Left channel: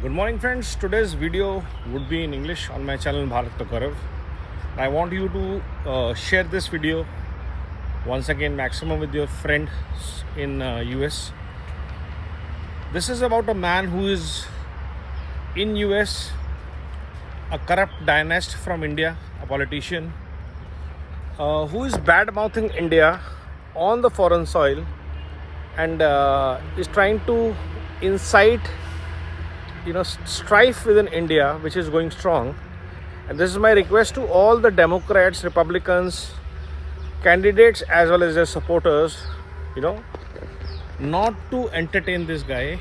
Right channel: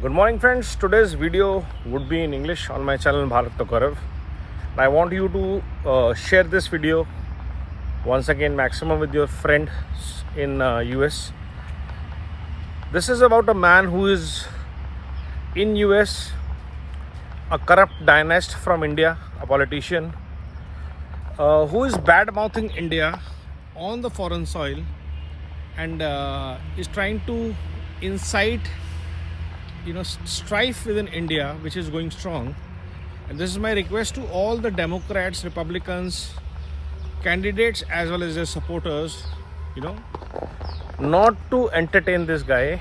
Good morning friends, today's video would be in English on my channel Bharat to Gaurav. I want you to share this video once again maximum with your friends in US. This is about a man who is in US, a corrupt dynast from India, a politician who is bad-mouthing India on the foreign soil and is trying to incite strife within India, which is going strong. And this is my request to all the Democrats, Republicans, candidates as well as their supporters, not to entertain this guy.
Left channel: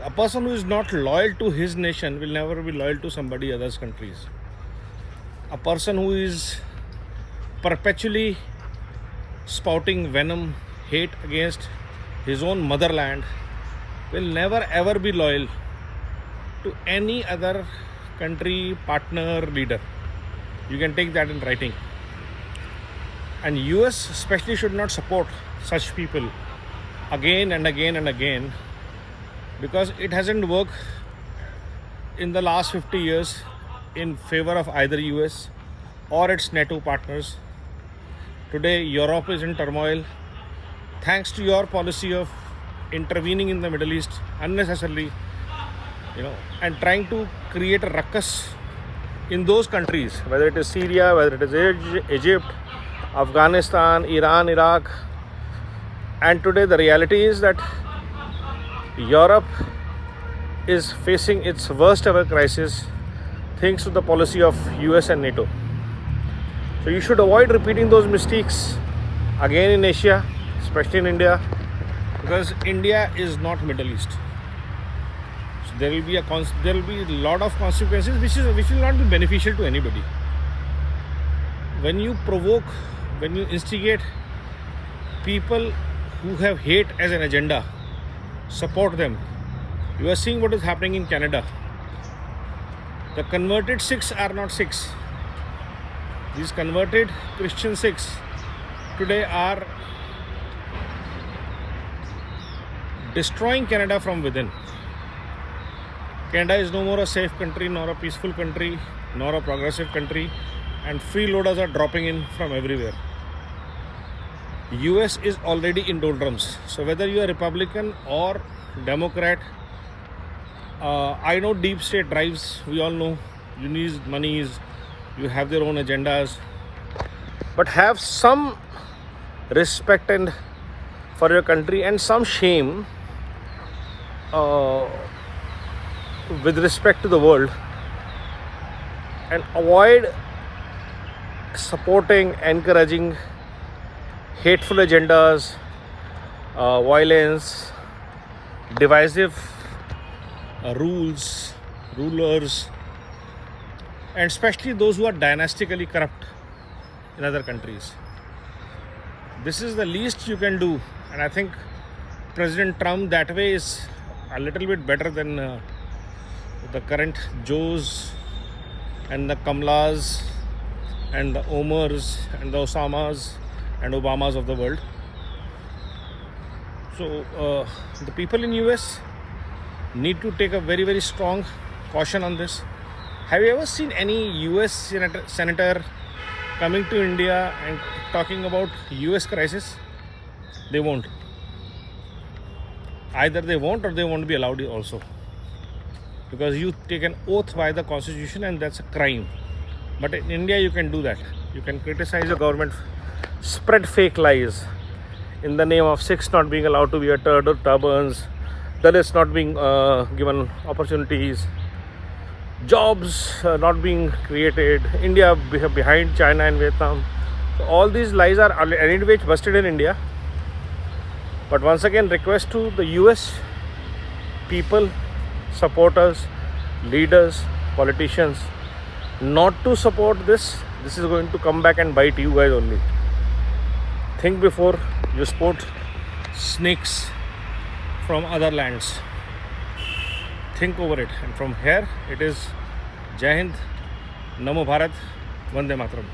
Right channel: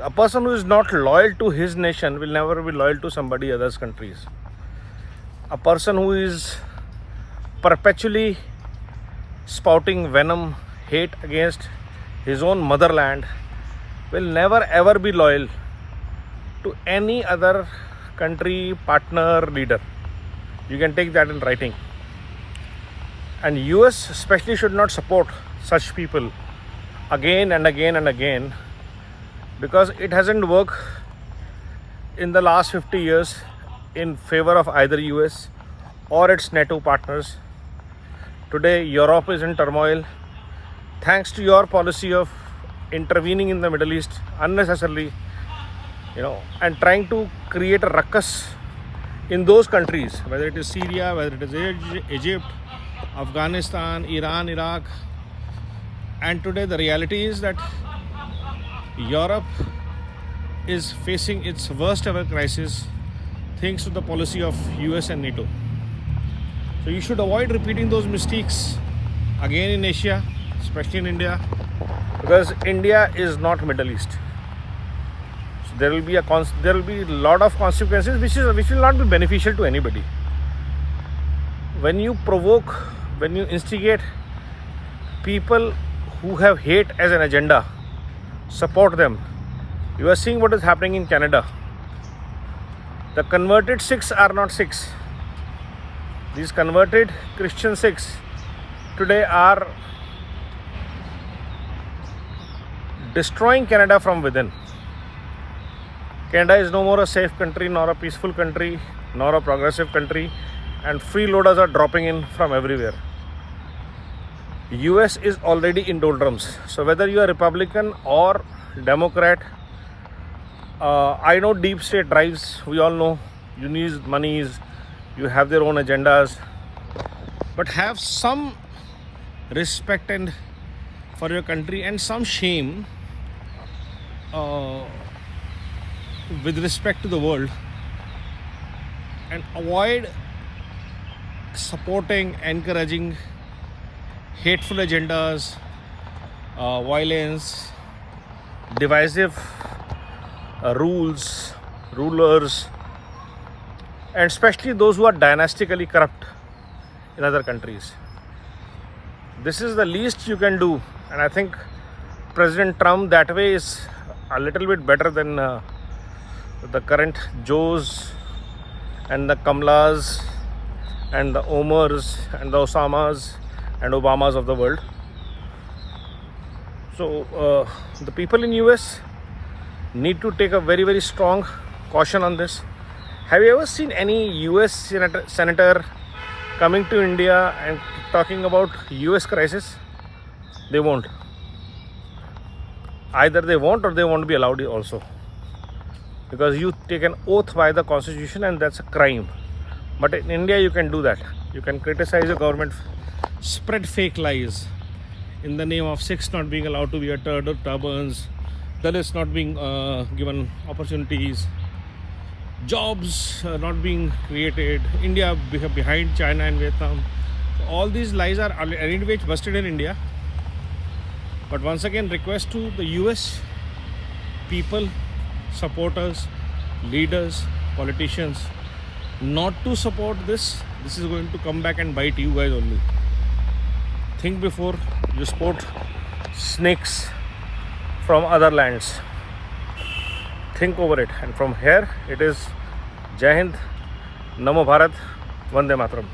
A person who is not loyal to his nation will never be loyal to somebody else's countries. A person who is perpetually spouting venom, hate against his own motherland will never ever be loyal to any other country, partner, leader. You can take that in writing. And US especially should not support such people again and again and again, because it hasn't worked in the last 50 years in favor of either US or its NATO partners. Today Europe is in turmoil thanks to your policy of intervening in the Middle East unnecessarily, and trying to create a ruckus in those countries, whether it is Syria, whether it is Egypt, Afghanistan, Iran, Iraq. And today the reality is that Europe is facing its worst ever crisis thanks to the policy of US and NATO. So you should avoid repeating those mistakes again in Asia, especially in India, because India is not Middle East. So there will be a lot of consequences which will not be beneficial to anybody. When you provoke, when you instigate people who have hate as an agenda, support them. You are seeing what is happening in Canada. The converted Sikhs are not Sikhs. These converted Christian Sikhs today are destroying Canada from within. Canada is no more a safe country, nor a peaceful country, nor a progressive country, and freeloaders are dropping in from everywhere. US is already in doldrums. So whether you are Republican or Democrat, I know deep state drives, we all know, you need monies, you have their own agendas, but have some respect and for your country and some shame with respect to the world, and avoid supporting, encouraging hateful agendas, violence, divisive rulers, and especially those who are dynastically corrupt in other countries. This is the least you can do, and I think President Trump that way is a little bit better than the current Joes and the Kamlas and the Omars and the Osamas and Obamas of the world. So the people in US need to take a very, very strong caution on this. Have you ever seen any US senator coming to India and talking about US crisis? They won't. Either they won't or they won't be allowed also, because you take an oath by the constitution and that's a crime. But in India you can do that. You can criticize the government, spread fake lies in the name of Sikhs not being allowed to wear turbans, Dalits not being given opportunities, jobs not being created, India behind China and Vietnam. So all these lies are anyway busted in India. But once again, request to the US people, supporters, leaders, politicians, not to support this. This is going to come back and bite you guys only. Think before you support snakes from other lands. Think over it. And from here, it is Jai Hind, Namo Bharat, Vande Mataram.